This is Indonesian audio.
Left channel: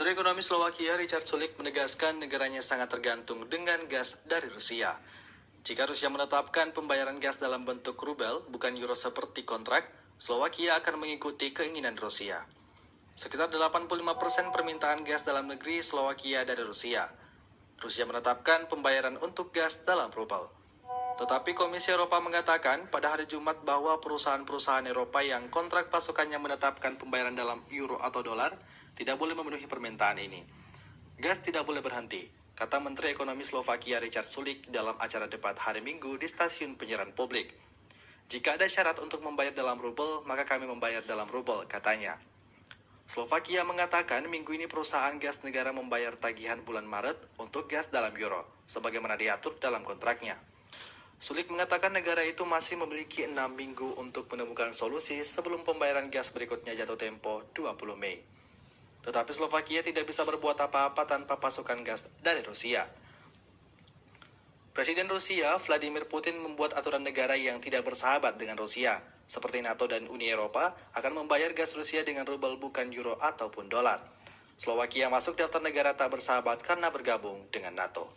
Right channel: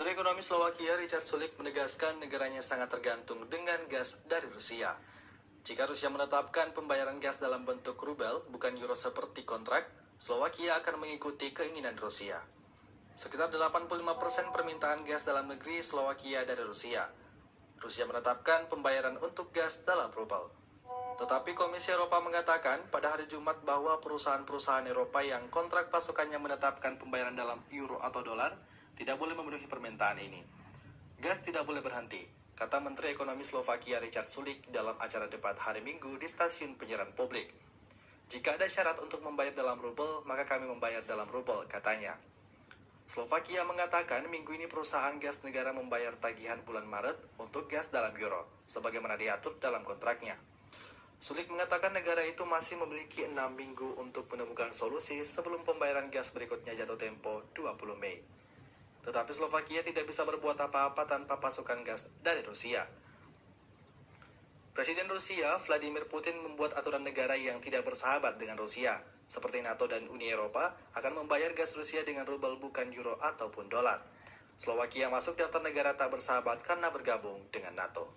Menteri Ekonomi Slovakia Richard Sulik menegaskan negaranya sangat tergantung dengan gas dari Rusia. Jika Rusia menetapkan pembayaran gas dalam bentuk rubel, bukan euro seperti kontrak, Slovakia akan mengikuti keinginan Rusia. Sekitar 85% permintaan gas dalam negeri Slovakia dari Rusia. Rusia menetapkan pembayaran untuk gas dalam rubel. Tetapi Komisi Eropa mengatakan pada hari Jumat bahwa perusahaan-perusahaan Eropa yang kontrak pasukannya menetapkan pembayaran dalam euro atau dolar tidak boleh memenuhi permintaan ini. Gas tidak boleh berhenti, kata Menteri Ekonomi Slovakia Richard Sulik dalam acara debat hari Minggu di stasiun penyiaran publik. Jika ada syarat untuk membayar dalam rubel, maka kami membayar dalam rubel, katanya. Slovakia mengatakan minggu ini perusahaan gas negara membayar tagihan bulan Maret untuk gas dalam euro, sebagaimana diatur dalam kontraknya. Sulik mengatakan negara itu masih memiliki 6 minggu untuk menemukan solusi sebelum pembayaran gas berikutnya jatuh tempo 20 Mei. Tetapi Slovakia tidak bisa berbuat apa-apa tanpa pasukan gas dari Rusia. Presiden Rusia, Vladimir Putin membuat aturan negara yang tidak bersahabat dengan Rusia, seperti NATO dan Uni Eropa, akan membayar gas Rusia dengan rubel bukan euro ataupun dolar. Slovakia masuk daftar negara tak bersahabat karena bergabung dengan NATO.